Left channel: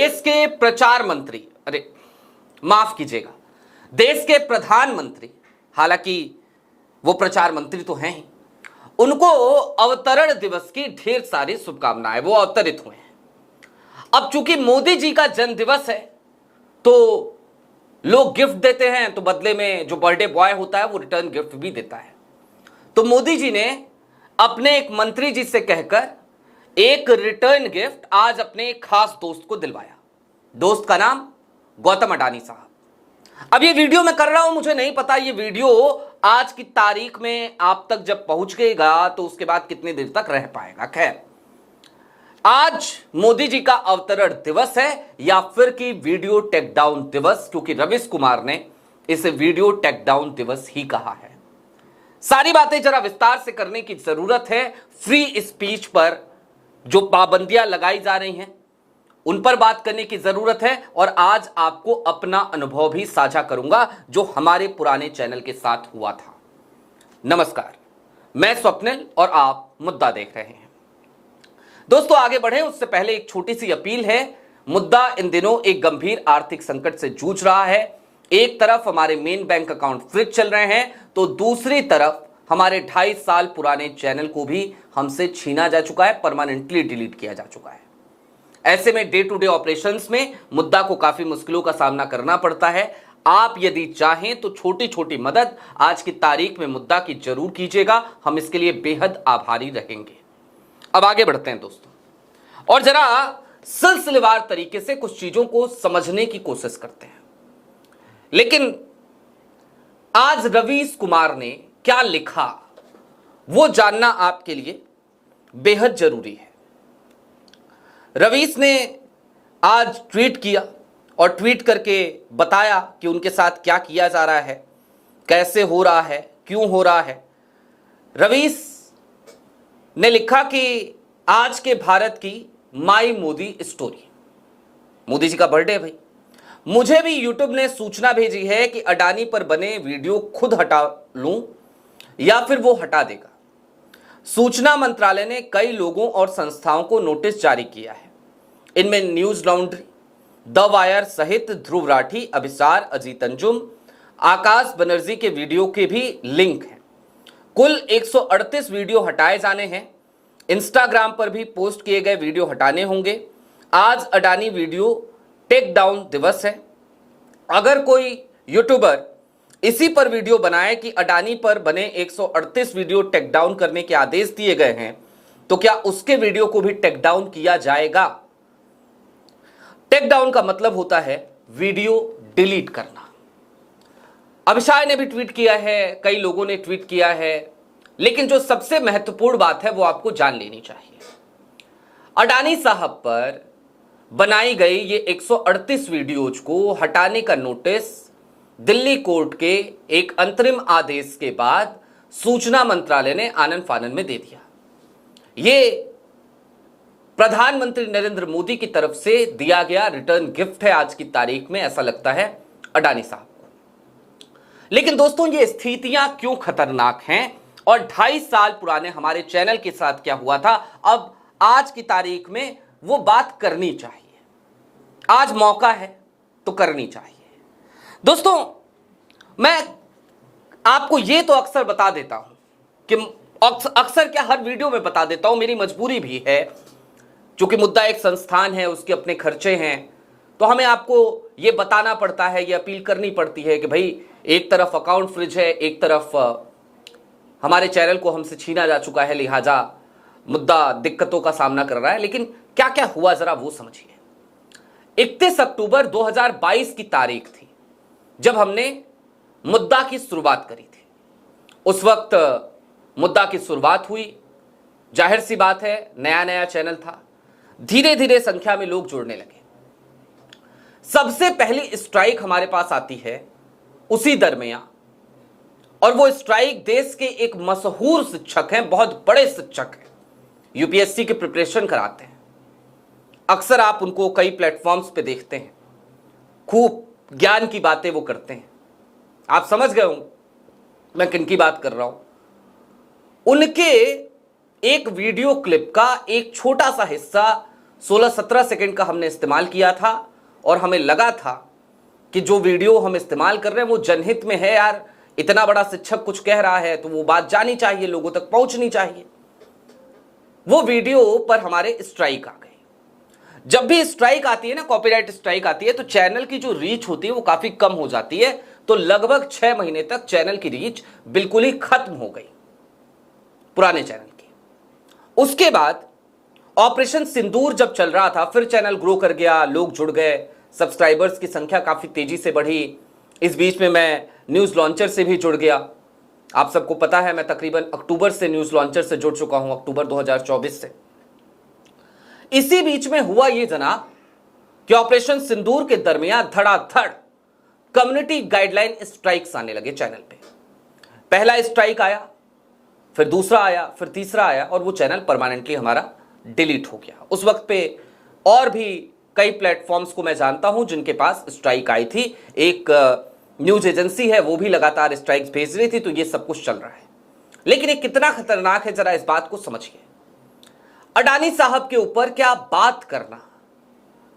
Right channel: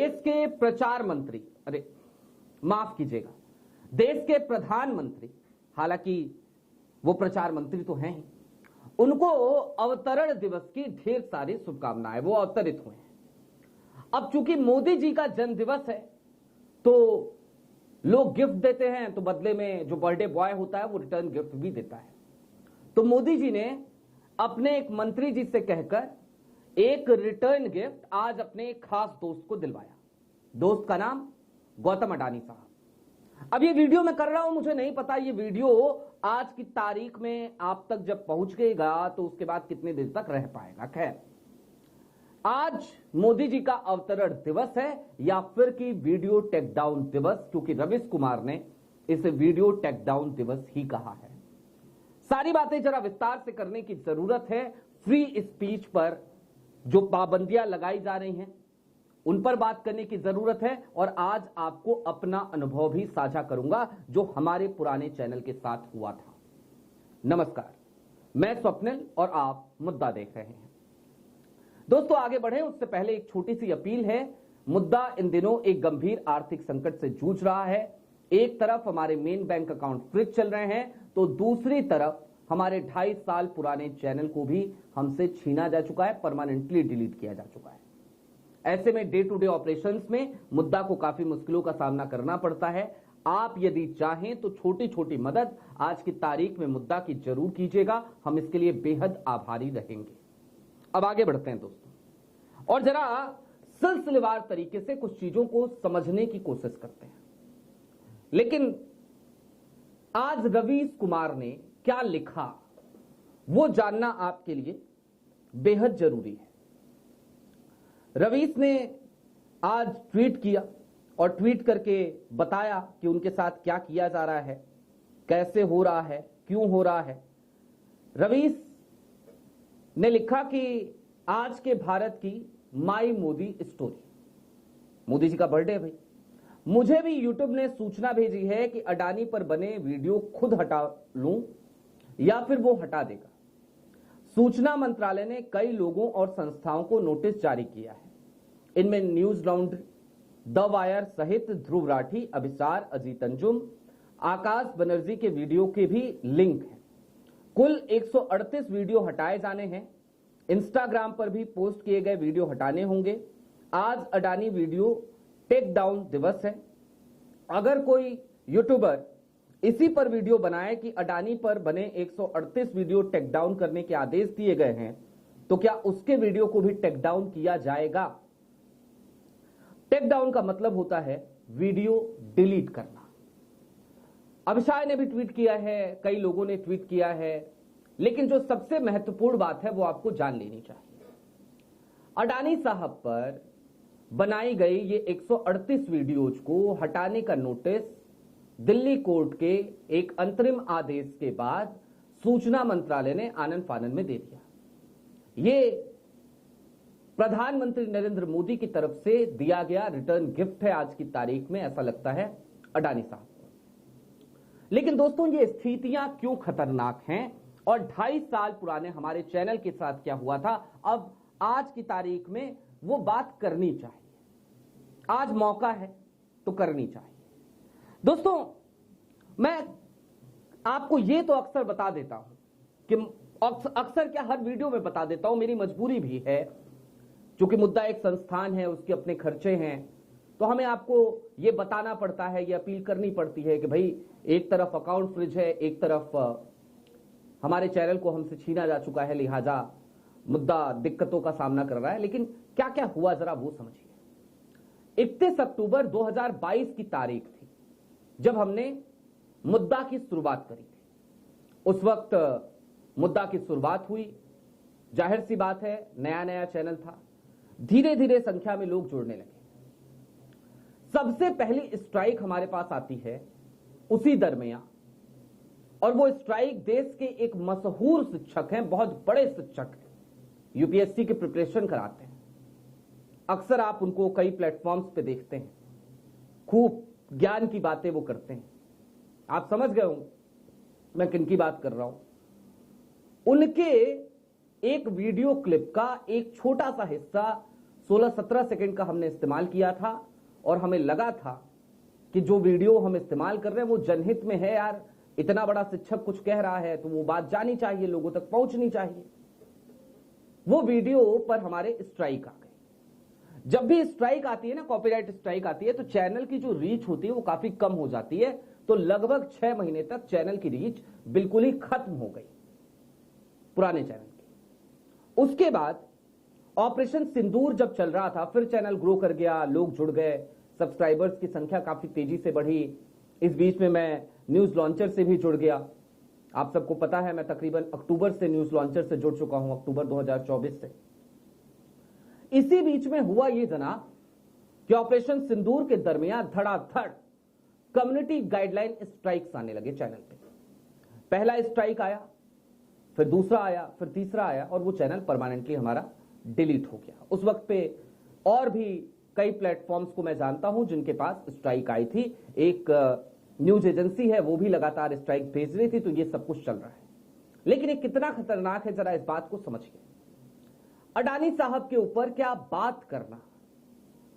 देश के प्रचार मंत्री, अरे माफ कीजिएगा, देश के प्रधानमंत्री, हालांकि वो प्रचार मंत्री तो हैं ही, उनको अवतरण दिवस की ढेर सारी शुभकामनाएं, वो अवतरित हुए हैं। अब चूंकि मोदी जी का जन्म दिवस है तो लोग गिफ्ट देते हैं, तो बदले में जो बर्थडे बॉय होता है वो रिटर्न गिफ्ट भी देता है। तो मोदी जी ने अपने एक मंत्री जी से कहकर एक रिटर्न गिफ्ट आज अपने एक खास दोस्त को दिलवाया। दोस्त का नाम गौतम अडानी साहब। अब ये वीडियो मैं कर रहा हूं, मुझे नहीं पता ये वीडियो आज की तारीख में आप तक जब पहुंच गएगा तो उसके बाद कितनी देर तक रह पाएगा। खैर, आज मोदी जी का अवतरण दिवस है या फिर कि वीडियो टेक डाउन दिवस, क्योंकि रवीश कुमार ने इसे वीडियो टेक डाउन दिवस ही कहा है। सारी बातें जरा विस्तार से करने की जरूरत है। फ्री स्पीच पर जो पाबंदियां लगाई जा रही हैं उन पर बात करने की जरूरत है, और आज आपको अपना अनुभव भी साझा करूंगा जो हमारे पुराने चैनल के साथ हुआ था। नमस्कार, मैं स्वप्निल और आप मुद्दा देख रहे हैं। दोस्तों, आगे बढ़े उससे पहले एक छोटी सी अपील है। मुद्दा इन दिनों एक गंभीर आर्थिक संकट से जूझ रहा है। एक तरफ हमारे मेन बैंक अकाउंट फ्रीज चल रहे हैं, तो दूसरी तरफ हमारे 2.5 साल पुराने चैनल को भी हमसे छीना जा चुका है, परमानेंटली डिलीट किया जा चुका है। ऐसे में डे टू डे ऑपरेशंस में मुद्दा को काफी मुश्किलों का सामना करना पड़ता है। आप यदि चाहें तो छोटी छोटी मदद आज की तारीख में मुद्दा की जरूर कीजिएगा, हम इसके लिए बेहद आभारी रहेंगे। अब आगे बढ़ते हैं दोस्तों, और जरा सिलसिलेवार तरीके से कुछ चीजों को समझने की कोशिश करते हैं। लेकिन आज रवीश कुमार ने क्या लिखा वो जानना आपके लिए बेहद जरूरी है। रवीश ने आज ट्वीट किया और ट्वीट करके बताया कि उनके साथ क्या किया जा रहा है, कैसे हो रहा है, क्यों हो रहा है। रवीश ने लिखा कि आज के भारत की माई मोदी स्टोरी। मोदी जी का बर्थडे है भाई। मुझे भी यूट्यूब ने सूचना भेजी है कि अडानी पर बने वीडियो खुद हटा लूं या फिर वो हटा देगा। सूचना मंत्रालय ने कई लोगों और संस्थाओं को नोटिस जारी किया है। इनमें न्यूज लॉन्ड्री, द वायर सहित ध्रुव राठी, अभिसार, अजीत अंजुम, आकाश बनर्जी के वीडियो के भी लिंक हैं। कुल 138 वीडियो हटाए जाने हैं। इंस्टाग्राम पर भी पोस्ट किए गए वीडियो हटाने होंगे। आज अडानी वीडियो टेक डाउन दिवस है। अगर कोई यूट्यूबर इसी पर वीडियो बनाए कि अडानी पर बने 138 वीडियो टेक डाउन करने के आदेश दिए गए हैं, तो क्या उसके वीडियो को भी टेक डाउन किया जाएगा? टेक डाउन का मतलब होता है वीडियो डिलीट करना। अभिषाय ने भी ट्वीट किया है, कई लोगों ने ट्वीट किया है, लेकिन जो सबसे महत्वपूर्ण बात है वो आपको जान लेनी चाहिए। अडानी साहब पर बनाई गई ये 138 वीडियोज को हटाने का नोटिस दिल्ली कोर्ट के एक अंतरिम आदेश के बाद सूचना मंत्रालय ने आनन फानन में दे दिया। ये प्रधानमंत्री नरेंद्र मोदी की तरफ से दिया गया रिटर्न गिफ्ट है आज की तारीख में, ऐसा लगता है अडानी साहब को। लेकिन दोस्तों, ये स्थितियां क्यों खतरनाक हैं और 2.5 साल पुराने हमारे चैनल के साथ क्या हुआ था, अब आज की तारीख में वो बात करनी चाहिए। आज मौका है तो करनी चाहिए। दोस्तों, मैं आपको ये तो अक्सर बता देता हूं कि अक्सर क्या हर वीडियो में बता देता हूं, मेरी मजबूरी भी है, क्योंकि मुद्दा एक संस्थान है, उसके अपने खर्चे हैं, तो हमें आपको ये बताना पड़ता है, ये अपील करनी पड़ती है कि भाई एक तरफ अकाउंट फ्रिज है, एक तरफ हमारे चैनल को हमसे छीना जा चुका है, लिहाजा मुद्दा दिक्कतों का सामना कर रहा है। लेकिन क्या क्या हुआ जरा वो समझिए। 31 अक्टूबर 2022 की तारीख थी जब हमने मुद्दा की शुरुआत करी थी। उस वक्त मुद्दा की शुरुआत हुई, जाहिर सी बात है नया नया चैनल था, धीरे धीरे संख्या में लोग जुड़ने लगे। सबसे पहली स्ट्राइक हमारे पास आती है उसी दरमियान, और वो स्ट्राइक देश के एक मशहूर शिक्षक हैं, बहुत बड़े शिक्षक हैं, यूपीएससी की प्रिपरेशन कराते हैं। अक्सर आप उनको कई प्लेटफॉर्म्स पे देखते हैं, खूब ज्ञान की बातें वो करते हैं। आप समझ गए होंगे मैं किन की बात कर रहा हूं। उनके एक वीडियो क्लिप का एक छोटा सा हिस्सा 16-17 सेकंड का हमने इस्तेमाल किया था और हमें लगा था कि जो वीडियो हम इस्तेमाल कर रहे हैं वो जनहित में है यार, इतना बड़ा शिक्षक कुछ कह रहा है तो वो बात जानी चाहिए, लोगों तक पहुंचनी चाहिए। वो वीडियो पर हमारे स्ट्राइक आ गई। जब भी स्ट्राइक आती है ना, कॉपीराइट स्ट्राइक आती है, तो चैनल की जो रीच होती है वो काफी कम हो जाती है। तो लगभग 6 महीने तक चैनल की रीच बिल्कुल ही खत्म हो गई, पुराने चैनल की। उसके बाद ऑपरेशन सिंदूर जब चल रहा था, फिर चैनल ग्रो कर गया, लोग जुड़ गए, सब्सक्राइबर्स की संख्या काफी तेजी से बढ़ी। इस बीच में मैं न्यूज लॉन्चर से भी जुड़ गया। आप सबको पता है मैं तकरीबन अक्टूबर से न्यूज लॉन्चर से जुड़ चुका हूं, अक्टूबर 2024 से। इसी बीच में हुआ ये जनाब कि ऑपरेशन सिंदूर के दरमियान धड़ाधड़ कम्युनिटी गाइडलाइन स्ट्राइक्स आने लगे चैनल पे। पहला स्ट्राइक आया, फिर दूसरा आया, फिर तीसरा आया, और वो चैनल परमानेंटली हमारा डिलीट हो गया। उस वक्त पे और भी कई प्लेटफॉर्म्स को मैं जानता हूं जिनके पास स्ट्राइक आई थी। एक न्यूज एजेंसी है, वो भी लगातार स्ट्राइक्स भेज रही थी। तो ये सब कुछ चल रहा है, लेकिन ये कितना खतरनाक है जरा इस बात को समझिए। अडानी साहब के ऊपर क्या बात करना,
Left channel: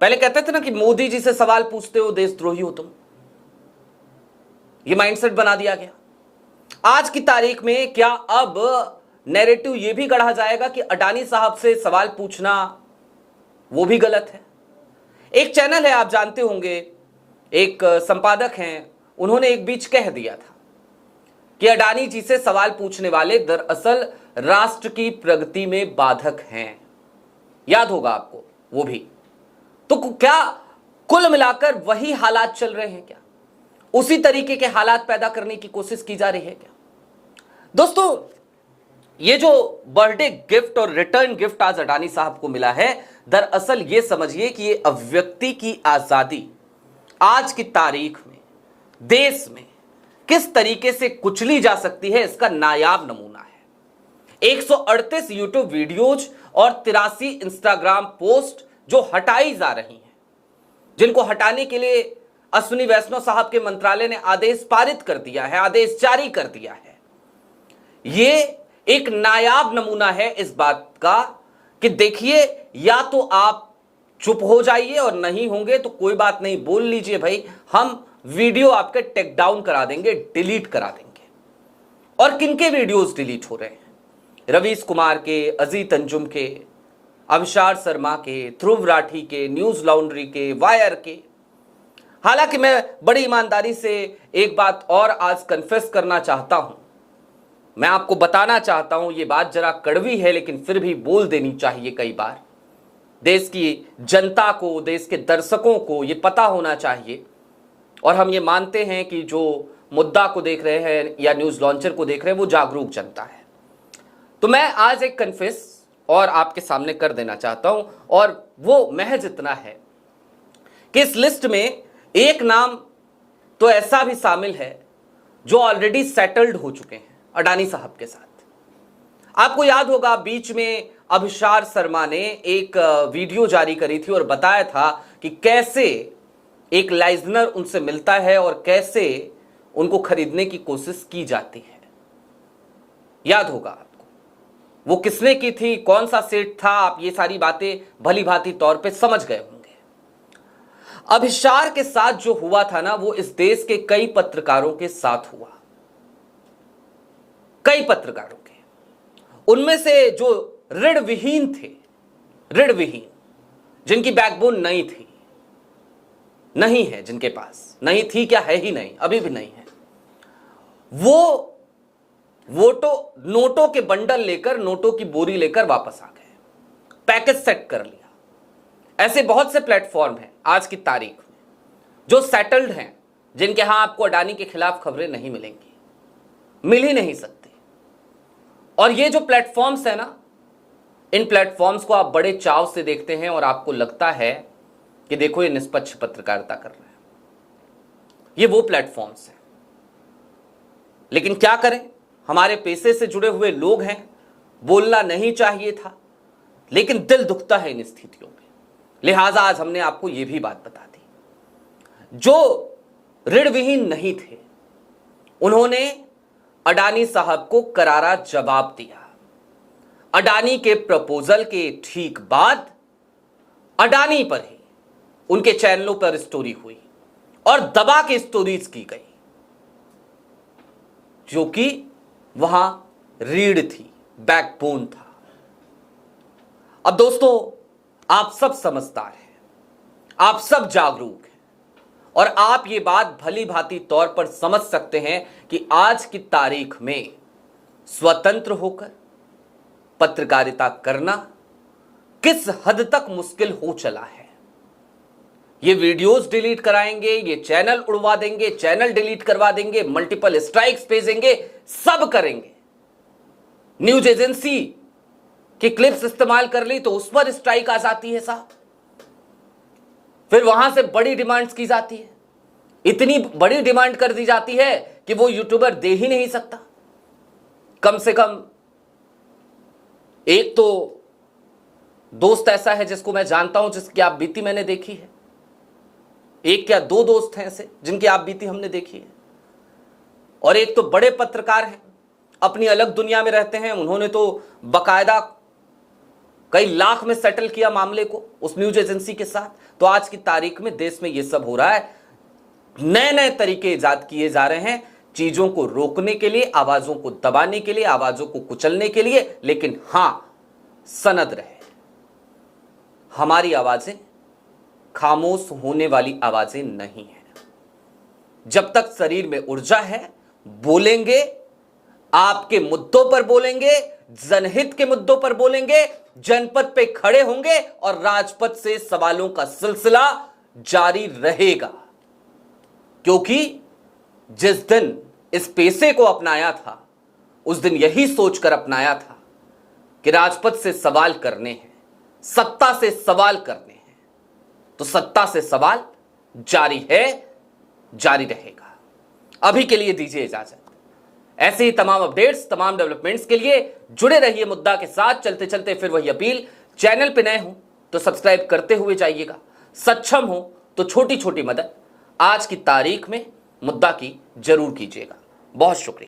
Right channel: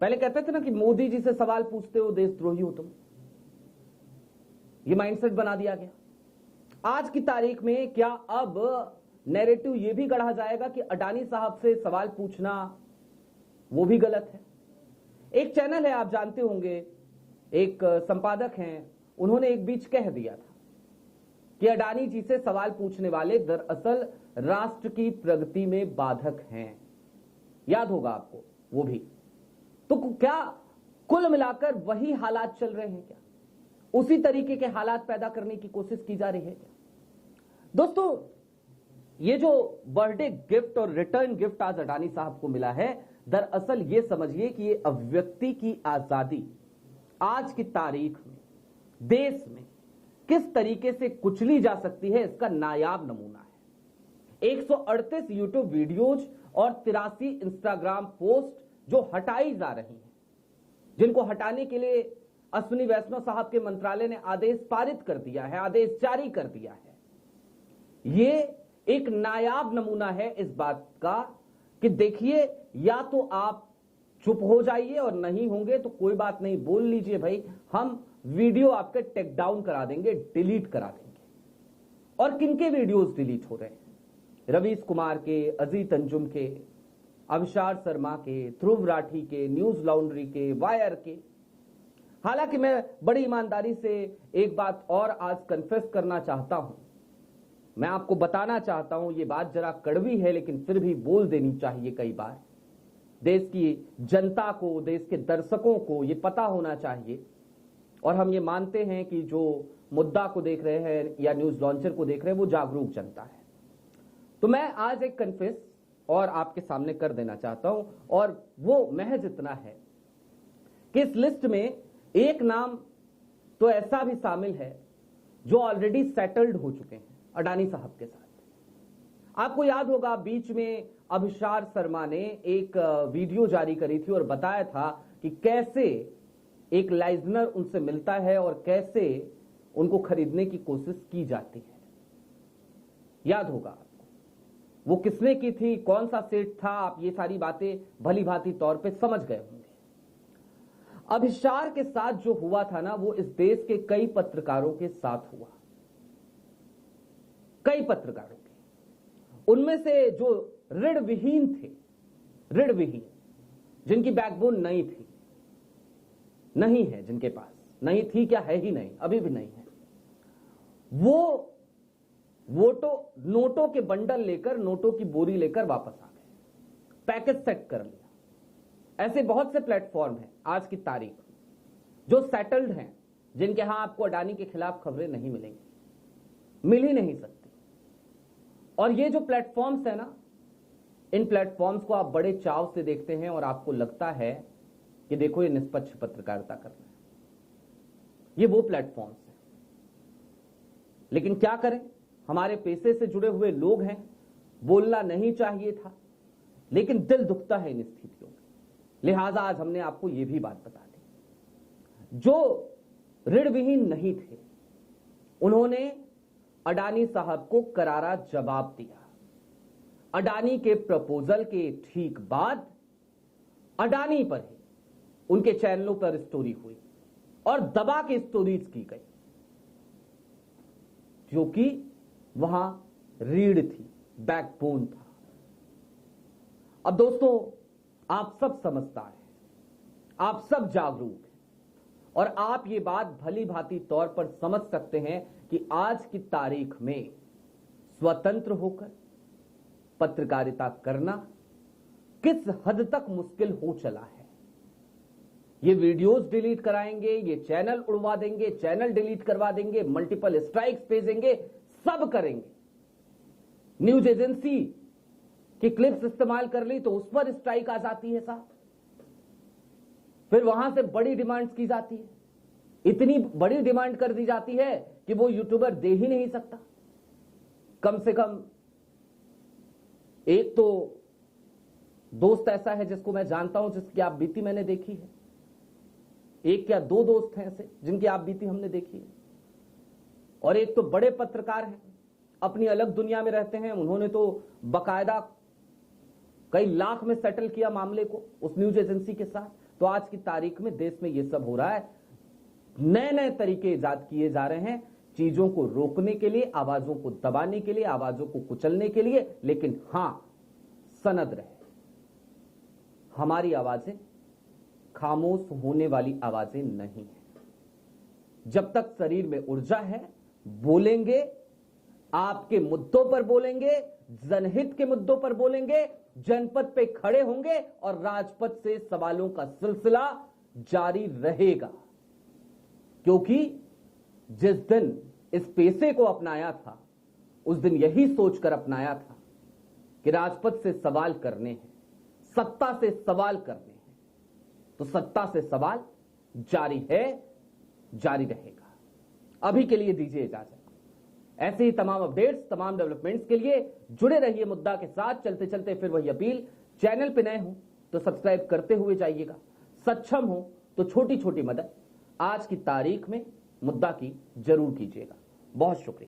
पहले कहते थे ना कि मोदी जी से सवाल पूछते हो देशद्रोही हो तुम, ये माइंडसेट बना दिया गया। आज की तारीख में क्या अब नैरेटिव ये भी गढ़ा जाएगा कि अडानी साहब से सवाल पूछना वो भी गलत है। एक चैनल है, आप जानते होंगे, एक संपादक हैं, उन्होंने एक बीच कह दिया था कि अडानी जी से सवाल पूछने वाले दरअसल राष्ट्र की प्रगति में बाधक हैं। याद होगा आपको वो भी। तो क्या कुल मिलाकर वही हालात चल रहे हैं क्या? उसी तरीके के हालात पैदा करने की कोशिश की जा रही है क्या? दोस्तों, ये जो बर्थडे गिफ्ट और रिटर्न गिफ्ट आज अडानी साहब को मिला है, दरअसल ये समझिए कि ये अभिव्यक्ति की आजादी आज की तारीख में देश में किस तरीके से कुचली जा सकती है, इसका नायाब नमूना है। 138 यूट्यूब वीडियोज और 83 इंस्टाग्राम पोस्ट जो हटाई जा रही हैं, जिनको हटाने के लिए अश्विनी वैष्णव साहब के मंत्रालय ने आदेश पारित कर दिया है, आदेश जारी कर दिया है। ये एक नायाब नमूना है इस बात का कि देखिए, या तो आप चुप हो जाइए और नहीं होंगे तो कोई बात नहीं, बोल लीजिए भाई, हम वीडियो आपके टेक डाउन करा देंगे, डिलीट करा देंगे। और किनके वीडियोस डिलीट हो रहे हैं? रवीश कुमार के, अजीत अंजुम के, अभिषार शर्मा के, ध्रुव राठी के, न्यूज लॉन्ड्री के, वायर के। हालांकि मैं बड़ी ईमानदारी से एक बात और आज कन्फेस करना चाहता हूं, मैं आपको बताना चाहता हूं, ये बात जरा कड़वी है लेकिन फिर भी बोल देनी चाहिए। कई बार देश की जनता को, देश के दर्शकों को ये पता होना चाहिए, और हम ये मानते हैं कि जो मुद्दा को देख रहे हैं या न्यूज लॉन्चर को देख रहे हैं वो जागरूक जनता है। तो मैं आज एक कन्फेस और आपके सामने कर देना चाहता हूं, और वो महज इतना है कि इस लिस्ट में एक नाम तो ऐसा भी शामिल है जो ऑलरेडी सेटल्ड हो चुके हैं अडानी साहब के साथ। आपको याद होगा, बीच में अभिषार शर्मा ने एक वीडियो जारी करी थी और बताया था कि कैसे एक लाइजनर उनसे मिलता है और कैसे उनको खरीदने की कोशिश की जाती है। याद होगा आपको, वो किसने की थी, कौन सा सेट था, आप ये सारी बातें भली भांति तौर पे समझ गए होंगे। अभिषार के साथ जो हुआ था ना, वो इस देश के कई पत्रकारों के साथ हुआ, कई पत्रकारों के। उनमें से जो ऋण विहीन थे, ऋण विहीन, जिनकी बैकबोन नहीं थी, नहीं है, जिनके पास नहीं थी, क्या है ही नहीं, अभी भी नहीं है, वो नोटों के बंडल लेकर, नोटों की बोरी लेकर वापस आ गए, पैकेज सेट कर लिया। ऐसे बहुत से प्लेटफॉर्म हैं आज की तारीख में जो सेटल्ड हैं, जिनके यहां आपको अडानी के खिलाफ खबरें नहीं मिलेंगी, मिल ही नहीं सकती। और ये जो प्लेटफॉर्म्स है ना, इन प्लेटफॉर्म्स को आप बड़े चाव से देखते हैं और आपको लगता है कि देखो ये निष्पक्ष पत्रकारिता कर रहे हैं, ये वो प्लेटफॉर्म्स हैं। लेकिन क्या करें, हमारे पेशे से जुड़े हुए लोग हैं, बोलना नहीं चाहिए था, लेकिन दिल दुखता है इन स्थितियों में, लिहाजा आज हमने आपको यह भी बात बता दी। जो ऋण विहीन नहीं थे, उन्होंने अडानी साहब को करारा जवाब दिया। अडानी के प्रपोजल के ठीक बाद अडानी पर ही उनके चैनलों पर स्टोरी हुई और दबा के स्टोरीज की गई, जो कि वहां रीढ़ थी, बैकबोन था। अब दोस्तों, आप सब समझदार हैं, आप सब जागरूक हैं और आप ये बात भली भांति तौर पर समझ सकते हैं कि आज की तारीख में स्वतंत्र होकर पत्रकारिता करना किस हद तक मुश्किल हो चला है। ये वीडियोस डिलीट कराएंगे, ये चैनल उड़वा देंगे, चैनल डिलीट करवा देंगे, मल्टीपल स्ट्राइक्स भेजेंगे, सब करेंगे। न्यूज एजेंसी की क्लिप्स इस्तेमाल कर ली तो उस पर स्ट्राइक आ जाती है साहब। फिर वहां से बड़ी डिमांड्स की जाती है, इतनी बड़ी डिमांड कर दी जाती है कि वो यूट्यूबर दे ही नहीं सकता। कम से कम एक तो दोस्त ऐसा है जिसको मैं जानता हूं, जिसकी आप बीती मैंने देखी है। एक क्या दो दोस्त हैं ऐसे जिनकी आप बीती हमने देखी है। और एक तो बड़े पत्रकार हैं, अपनी अलग दुनिया में रहते हैं, उन्होंने तो बकायदा कई लाख में सेटल किया मामले को उस न्यूज एजेंसी के साथ। तो आज की तारीख में देश में यह सब हो रहा है। नए नए तरीके इजाद किए जा रहे हैं चीजों को रोकने के लिए, आवाजों को दबाने के लिए, आवाजों को कुचलने के लिए। लेकिन हां, सनद रहे, हमारी आवाजें खामोश होने वाली आवाजें नहीं है। जब तक शरीर में ऊर्जा है, बोलेंगे, आपके मुद्दों पर बोलेंगे, जनहित के मुद्दों पर बोलेंगे, जनपद पे खड़े होंगे और राजपथ से सवालों का सिलसिला जारी रहेगा। क्योंकि जिस दिन इस पेशे को अपनाया था, उस दिन यही सोचकर अपनाया था कि राजपथ से सवाल करने हैं, सत्ता से सवाल करने हैं, तो सत्ता से सवाल जारी है, जारी रहेगा। अभी के लिए दीजिए इजाजत। ऐसे ही तमाम अपडेट्स, तमाम डेवलपमेंट्स के लिए जुड़े रहिए मुद्दा के साथ। चलते चलते फिर वही अपील, चैनल पे नए हो तो सब्सक्राइब करते हुए जाइएगा, सक्षम हो तो छोटी छोटी मदद आज की तारीख में मुद्दा की जरूर कीजिएगा। बहुत शुक्रिया।